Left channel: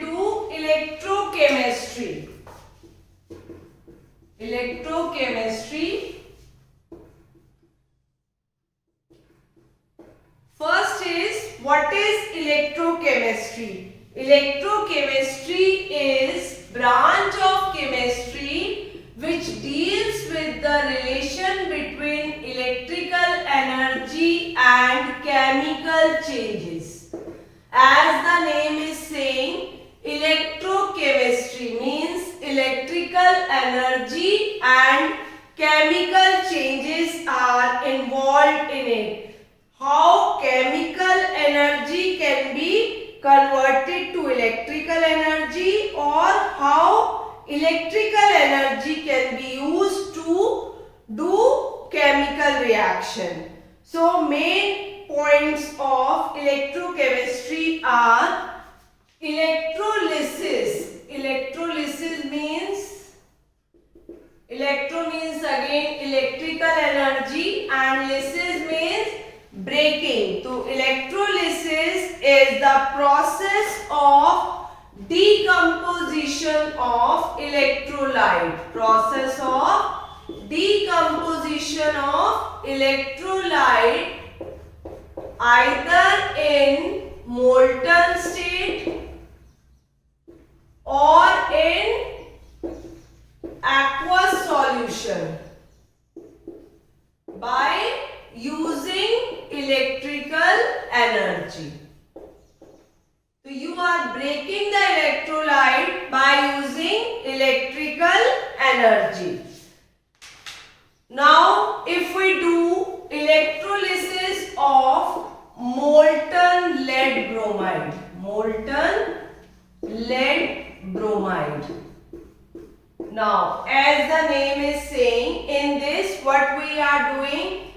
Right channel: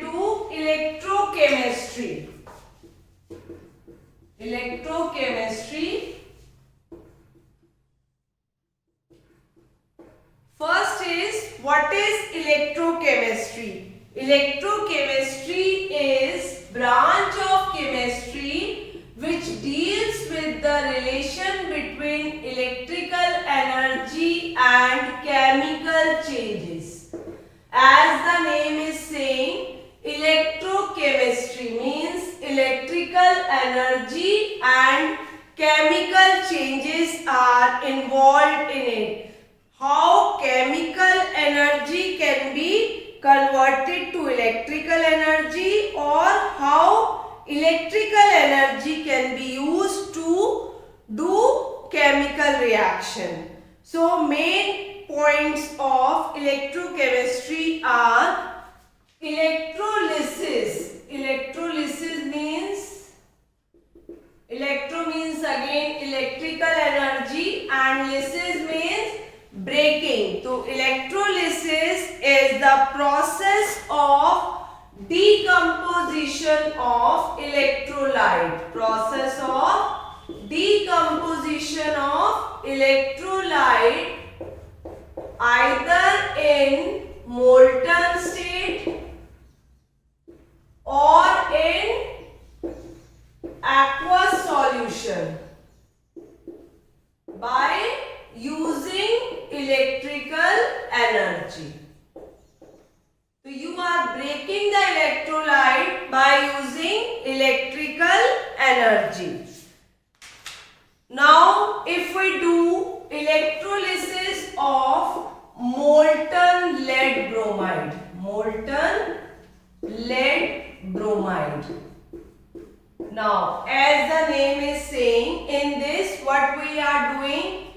do electrochemistry. Electrochemistry. First is, what is electrochemistry? Electrochemistry is branch of chemistry which deals with the relation between electrical energy and chemical changes. As the name is saying, electrochemistry means electrical energy and chemical changes are involved in it. How chemical energy can be converted to electrical energy, or how electrical energy can be used to do chemical reaction. So main points of electrochemistry are electrolysis. Electrolysis means, electro means again electrical energy and lysis means breaking. So electrolysis is the process of decomposition of electrolyte. Process of decomposition of electrolyte either in molten state or in aqueous solution by using electrical energy. So you are breaking the electrolyte by using electrical energy. Now if we do electrolysis of molten lead bromide. Molten lead bromide. Now, as the name is saying, in this what we are doing,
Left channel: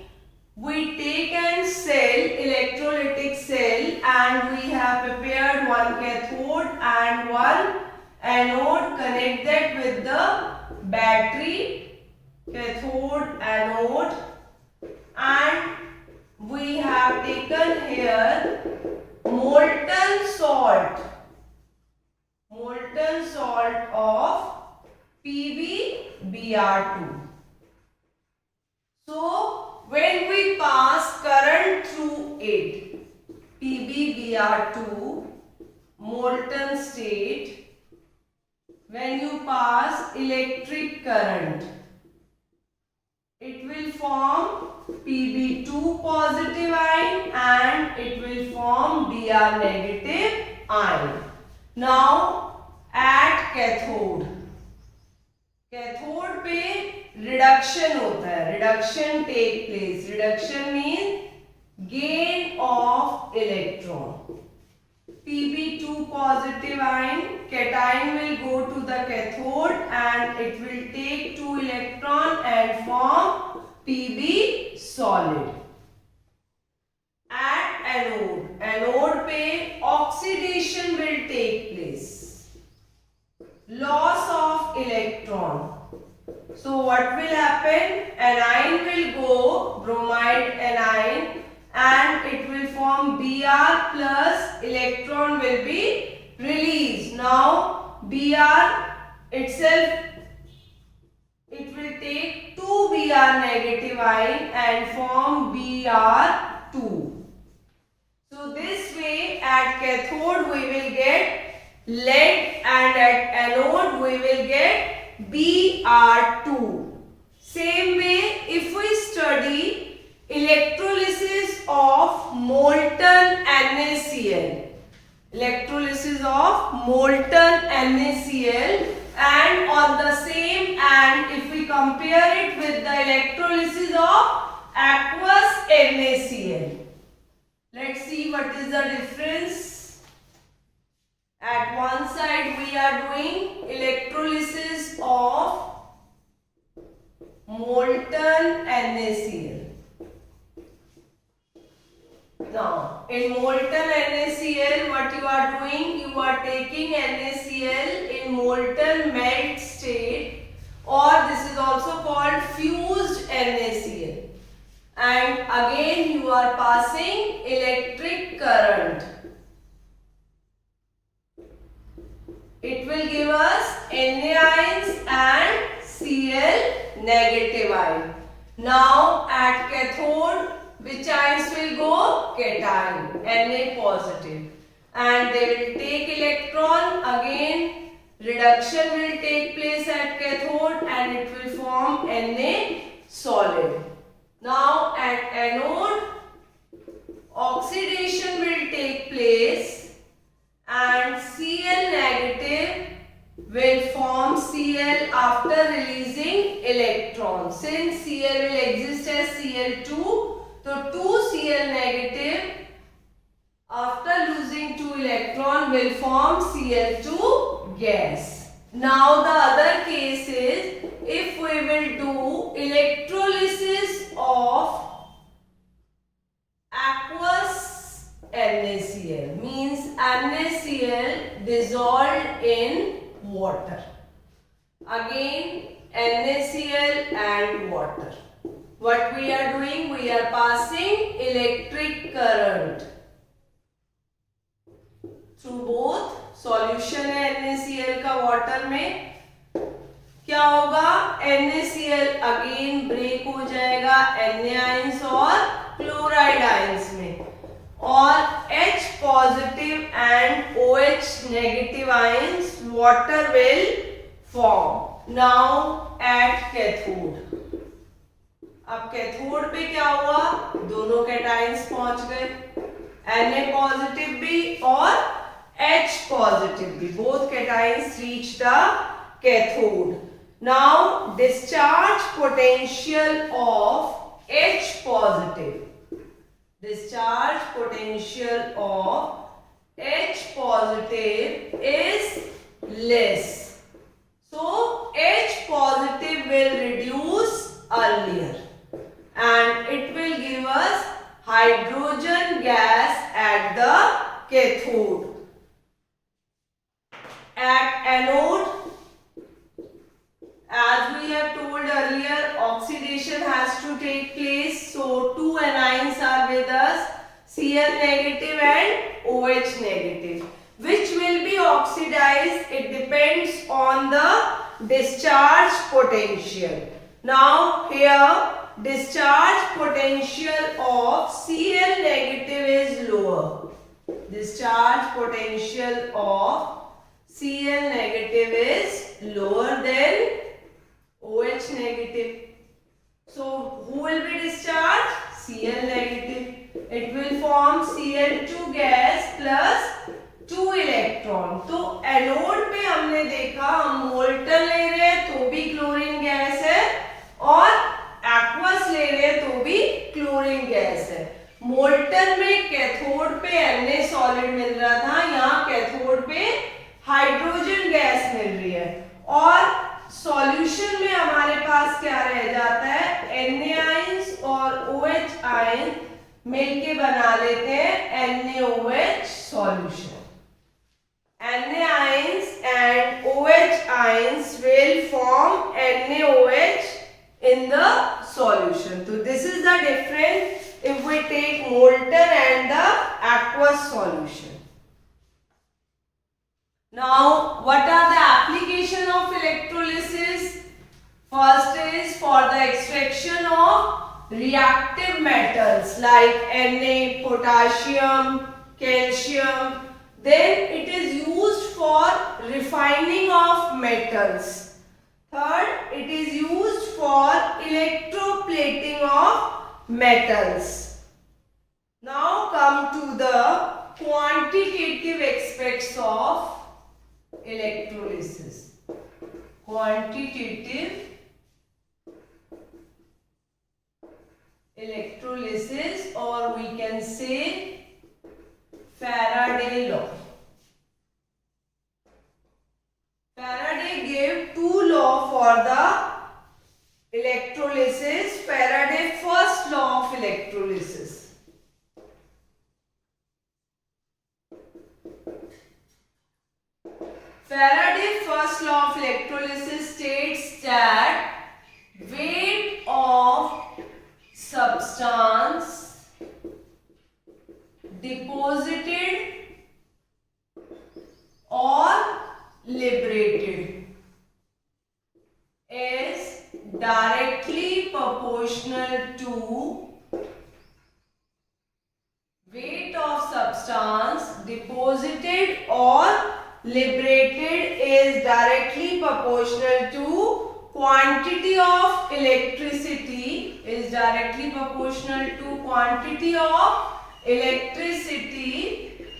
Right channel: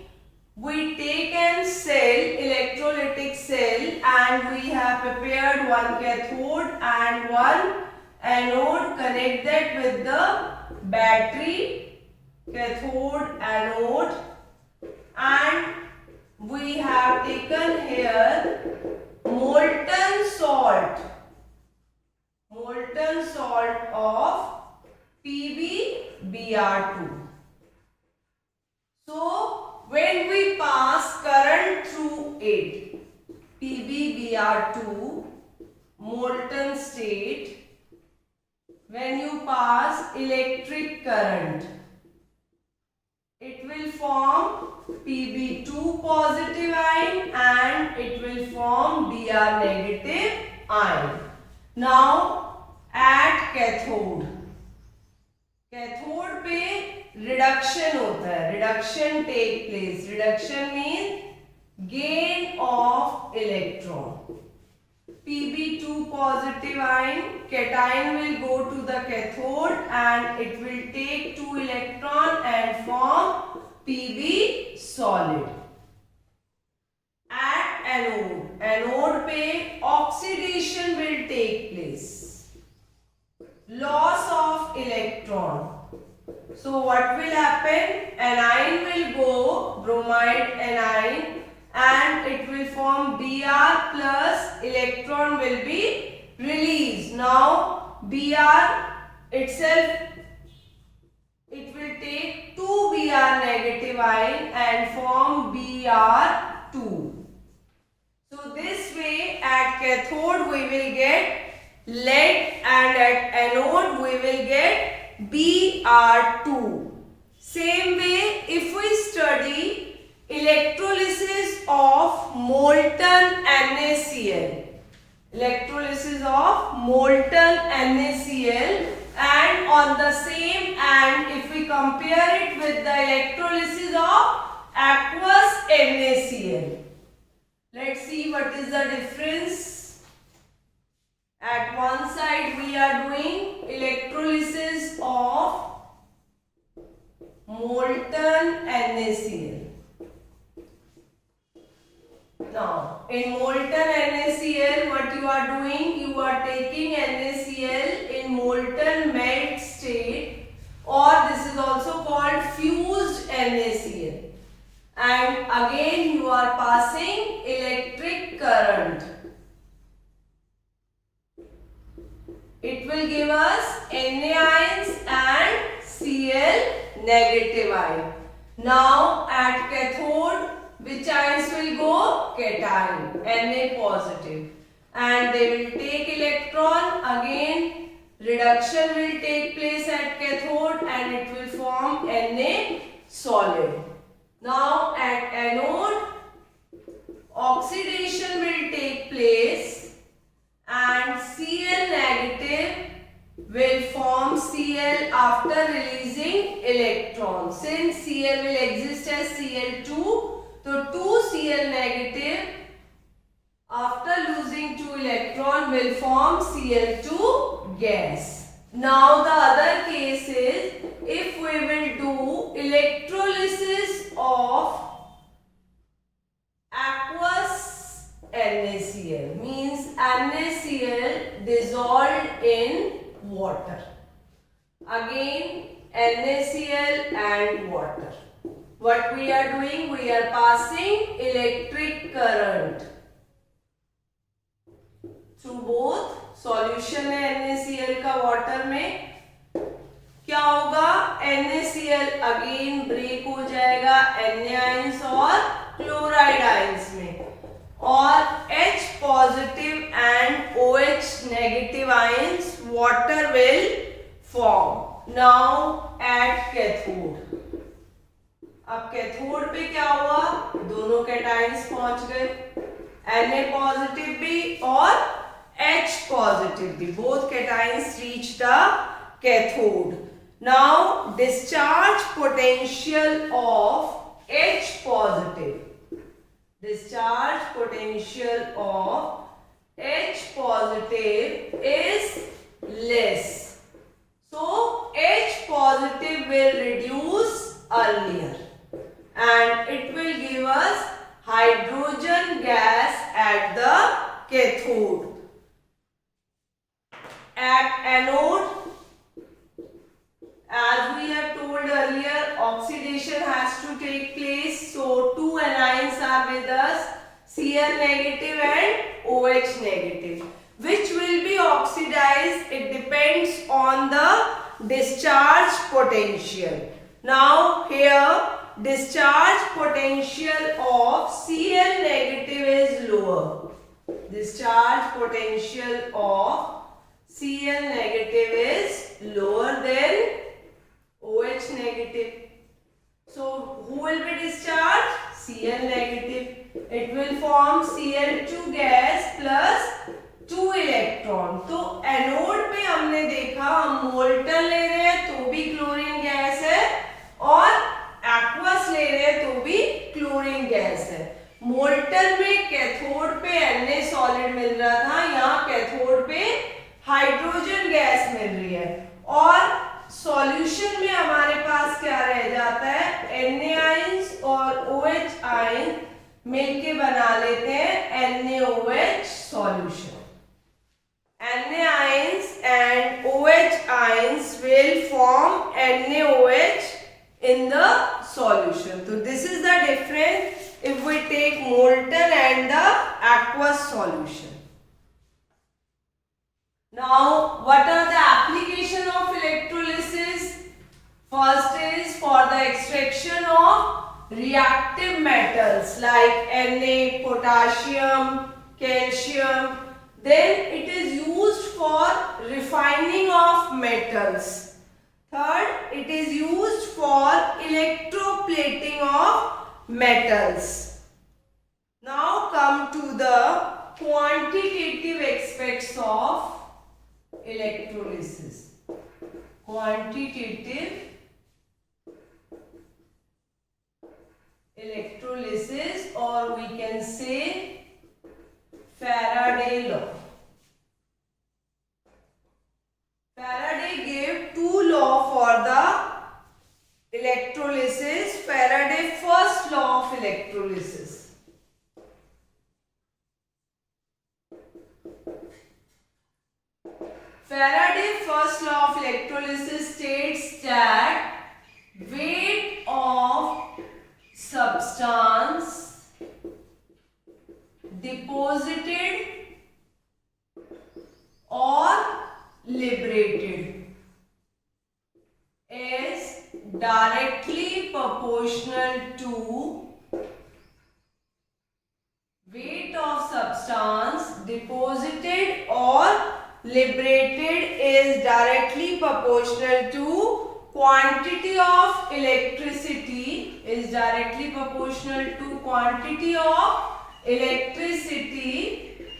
we take an cell, electrolytic cell, and we have prepared one cathode and one anode. Connect that with the battery, cathode, anode, and we have taken here molten salt of PbBr2. So when we pass current through it, PbBr2 molten state, when you pass electric current, it will form Pb2 positive ion and it will form Br negative ion. Now at cathode पे reduction होता है, reduction take place. Reduction mean gain of electron. Pb2 positive ion, cation will go to the cathode and it will take 2 electron and form Pb solid. At anode पे oxidation will take place. Loss of electron. So what will happen? Anion will go, bromide anion, and it will form Br plus electron will be released. Now Br itself, it will take 2 Br negative ion and form Br2. So this way at cathode we will get lead and at anode we will get Br2. Same way, if we study electrolysis of molten NaCl, electrolysis of molten NaCl, and on the same end if we compare it with the electrolysis of aqueous NaCl, let's see what is the difference. At one side we are doing electrolysis of molten NaCl. Now in molten NaCl what you are doing, you are taking NaCl in molten melt state, or this is also called fused NaCl, and again you are passing electric current. will give us Na ions and Cl negative ion. Now at cathode, which ions will go? Cation, Na positive. And they will take electron. Again, reduction will take place at cathode and it will form Na solid. Now at anode, oxidation will take place and Cl negative will form Cl after releasing electrons. Since Cl will exist as Cl2, so 2 Cl negative after losing 2 electron will form Cl2 gas. Now the other case is if we will do electrolysis of aqueous NaCl, means NaCl dissolved in water. Again NaCl and water. What we are doing? We are passing electric current through both. Solution है NaCl का water में, क्या होगा? NaCl again break हो जाएगा Na ions और chloride ions में, और H positive and OH negative ions water will form. Now at cathode, अब कैथोड पे क्या हुआ? दोनों कैटायंस पहुंच गए, Na पॉजिटिव भी और H positive भी. Both cations reach the cathode. Now discharge potential of H positive. Discharge potential of H positive is less. So H positive will reduce earlier and it will give us hydrogen gas at the cathode. At anode, as we have told earlier, oxidation has to take place. So two anions are with us, Cl negative and OH negative. Which will be oxidized? It depends on the discharge potential. Now here, discharge potential of Cl negative is lower. Discharge potential of Cl negative is lower than OH negative. So who will be discharged? Cl negative. It will form Cl2 gas plus 2 electron. तो anode पे हमने देखा हम molten ले रहे हैं तो भी क्लोरीन गैस है और एक्वस ले रहे हैं तो भी क्लोरीन गैस है. मोल्टन में कैथोड पे Na सॉलिड मिल रहा था, यहाँ कैथोड पे हाइड्रोजन गैस मिल रही है और सॉल्यूशन में हमारे पास क्या रह जाता है? Na आयंस और OH आयन मिलके बना लेते हैं NaOH solution. Na ions and OH ions will form NaOH in the solution. So this is the difference if we take molten and the aqueous solution. Now, what are the application of electrolysis? First is for the extraction of reactive metals like Na, potassium, calcium. Then it is used for refining of metals. Third, it is used for electroplating of metals. Now come to the quantitative aspects of electrolysis. Quantitative electrolysis, or we can say Faraday law. Faraday gave two laws for the electrolysis. Faraday first law of electrolysis. Faraday first law of electrolysis states that weight of substance deposited or liberated is directly proportional to weight of substance deposited or liberated is directly proportional to quantity of electricity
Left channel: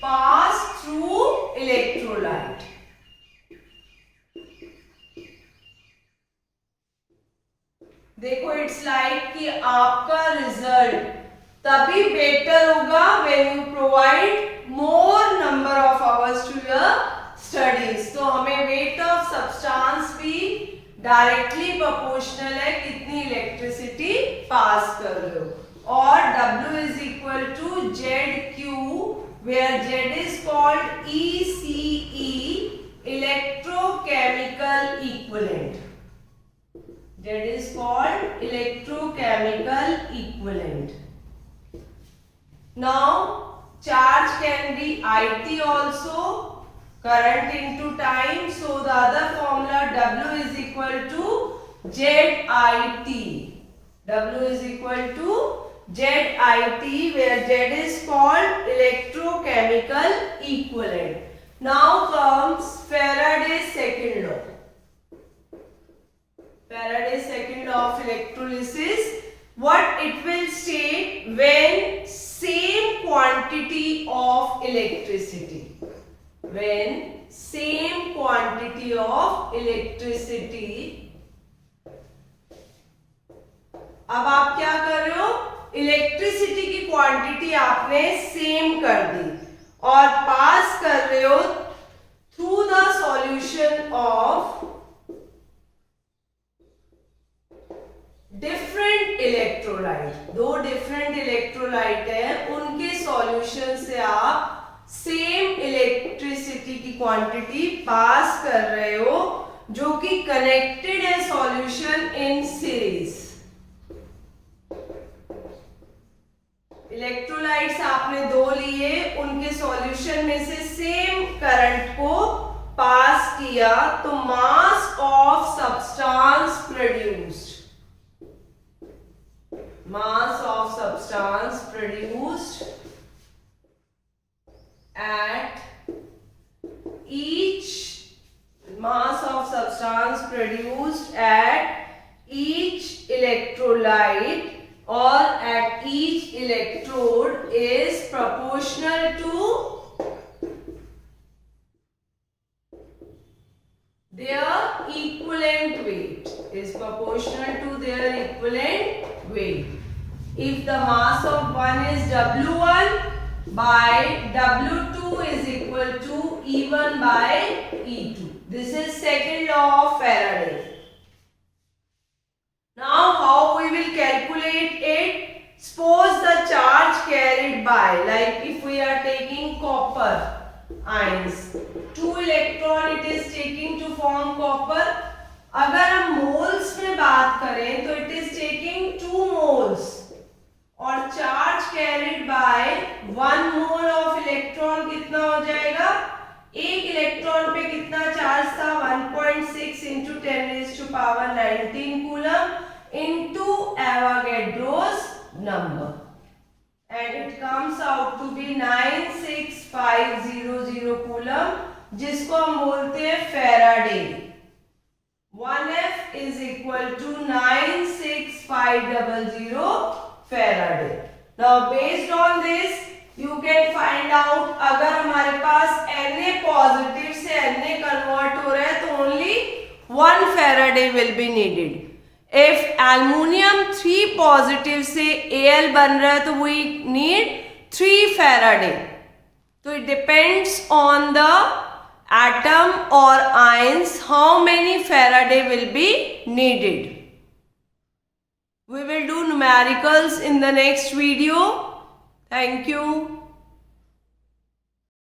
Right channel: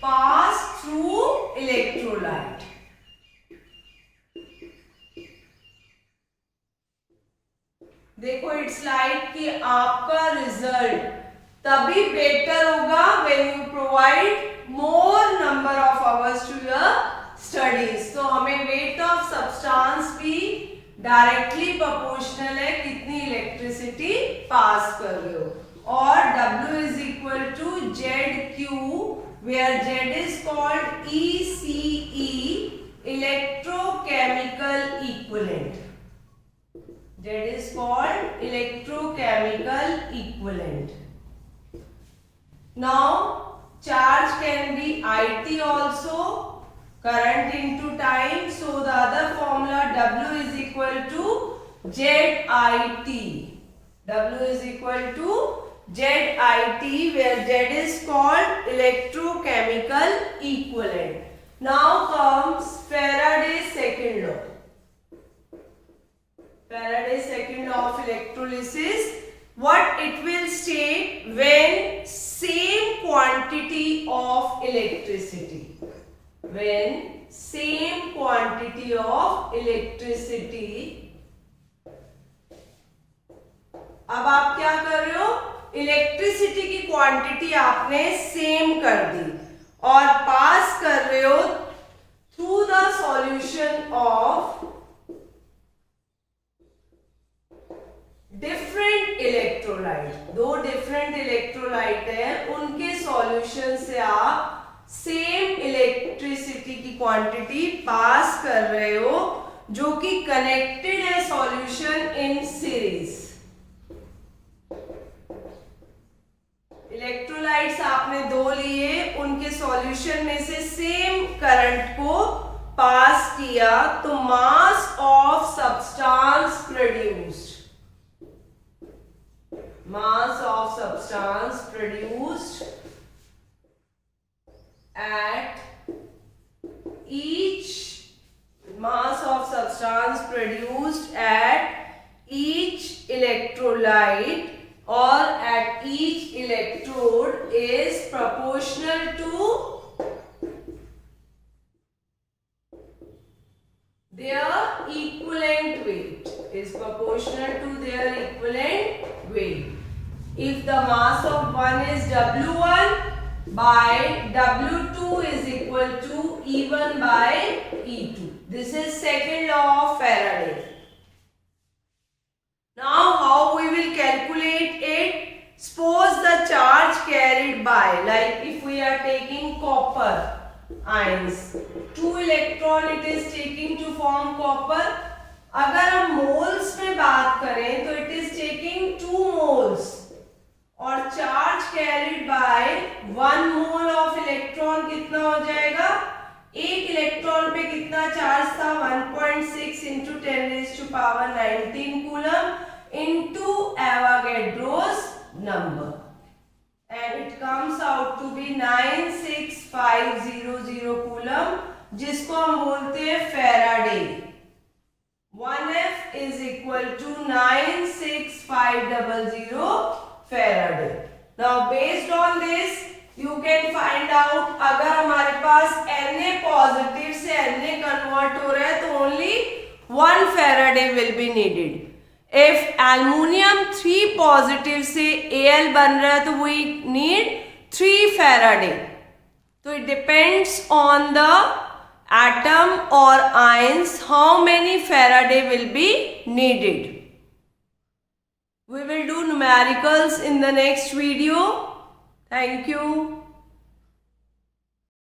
passed through electrolyte. देखो it's like कि आपका result तभी better होगा when you provide more number of hours to your studies. तो हमें weight of substance भी directly proportional है कितनी इलेक्ट्रिसिटी पास कर रहे हो. और W is equal to ZQ where Z is called ECE, electrochemical equivalent. Z is called electrochemical equivalent. Now charge can be IT also, current into time. So the other formula W is equal to ZIT. W is equal to ZIT where Z is called electrochemical equivalent. Now comes Faraday's second law. Faraday's second law of electrolysis. What it will state when same quantity of electricity. When same quantity of electricity. अब आप क्या कर रहे हो? Electricity की quantity आपने same कर दी और पास कर रहे हो through the solution of different electrolyte. दो डिफरेंट इलेक्ट्रोलाइट है, उनके सॉल्यूशन से आप सेम इलेक्ट्रिसिटी की क्वांटिटी पास कर रहे हो जो कि कनेक्टेड है सॉल्यूशन इन सीरीज. इलेक्ट्रोलाइट्स आपने दो लिए, उनके सॉल्यूशन में से सेम करंट को पास किया तो mass of substance produced at each electrolyte or at each electrode is proportional to their equivalent weight. If the mass of one is W1 by W2 is equal to E1 by E2. This is second law of Faraday. Now how we will calculate it? Suppose the charge carried by, like if we are taking copper ions, 2 electron it is taking to form copper. अगर हम moles में बात करें तो it is taking 2 moles और charge carried by 1 mole of electron कितना हो जाएगा? एक इलेक्ट्रॉन पे कितना चार्ज था? 1.6 into 10⁻19 coulomb into Avogadro's number, and it comes out to be 96500 coulomb, जिसको हम बोलते हैं Faraday. 1F is equal to 96500 Faraday. Now based on this you can find out अगर हमारे पास Na पॉजिटिव से Na कन्वर्ट हो रहा है तो only 1 Faraday will be needed. If aluminium 3 positive से Al बन रहा है तो we need 3 Faraday. So it depends on the atom or ions how many Faraday will be needed. We will do numericals in the next video. Thank you.